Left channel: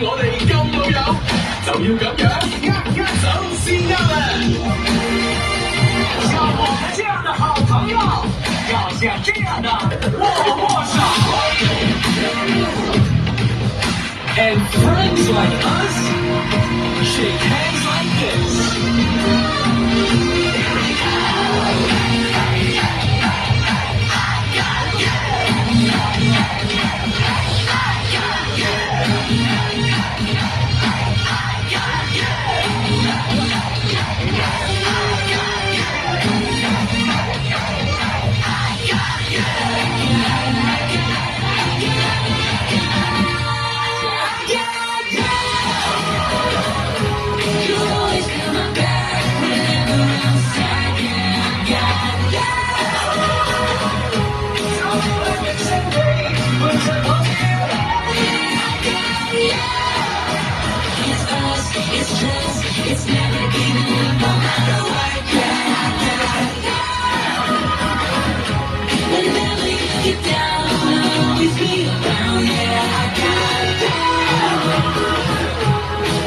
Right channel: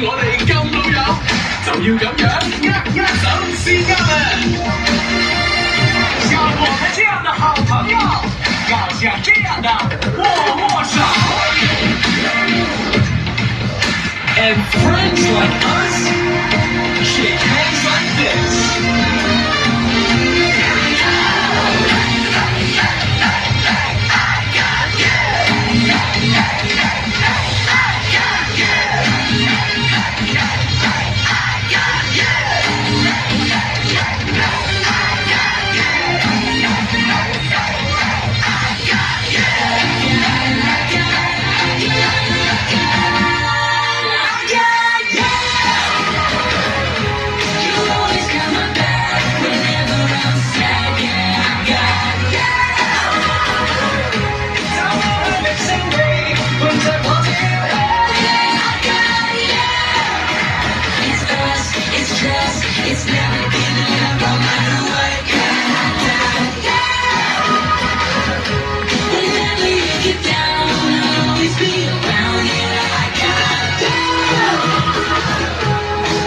我哋咁老友，就要咁樣握手先啱啊！像我們這樣的好朋友，要像這樣的握握手。And friends like us shake hands like this. It's never giving up no matter what. Whenever you get down, I'll always be around. Yeah, I got down.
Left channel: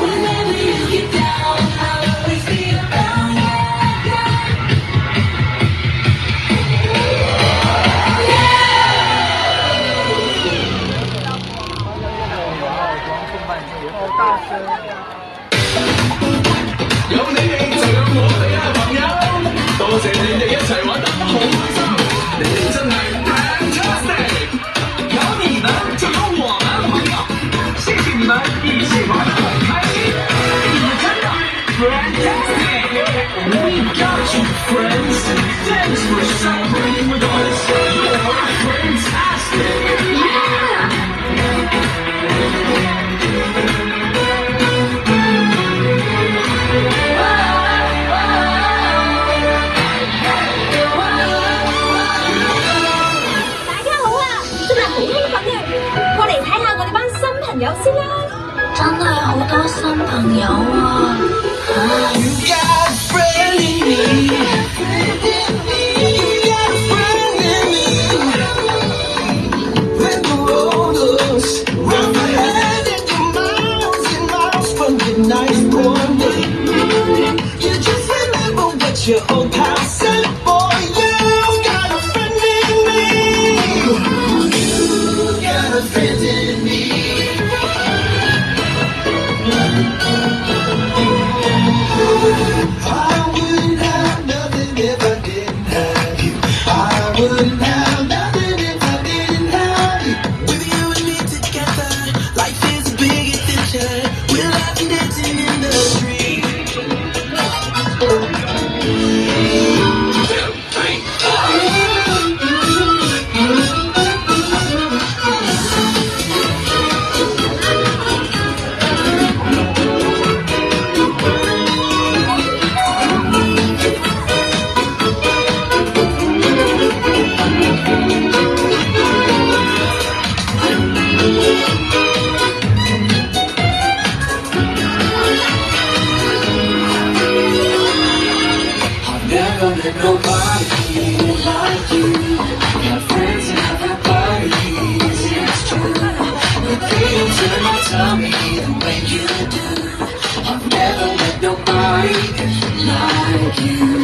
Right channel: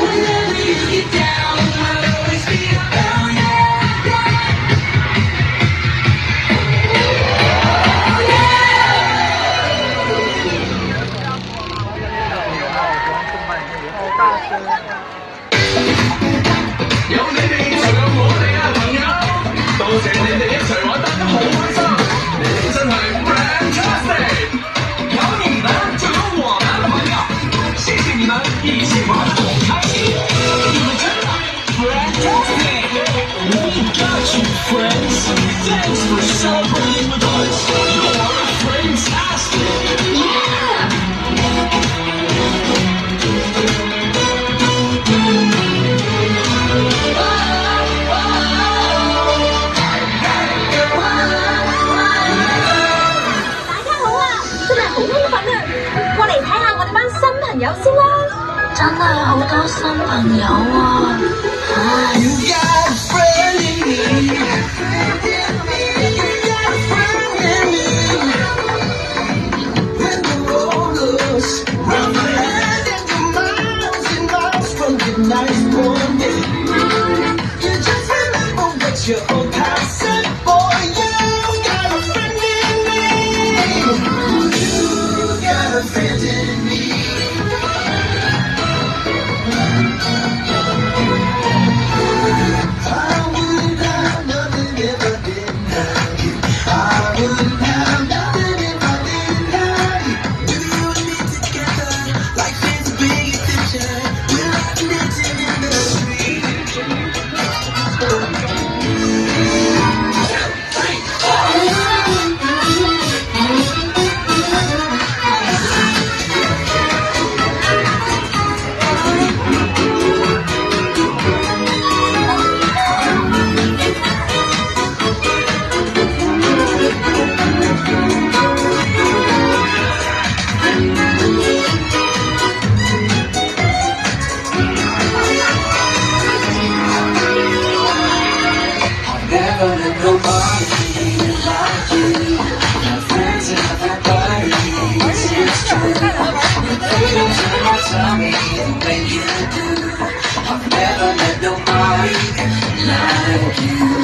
Whenever you get down, I'll always be around. Yeah. 有你哋就有我哋啊，朋友！多謝你哋一齊玩得好開心，你哋真係 fantastic！ 有你們就有我們的朋友，謝謝你們一起玩得很開心，你們真的 fantastic！ We got you friends, thanks for celebrating with us. You're fantastic! Yeah! 有先啦，真係好多新朋友啊！When you do, I've never met nobody like you.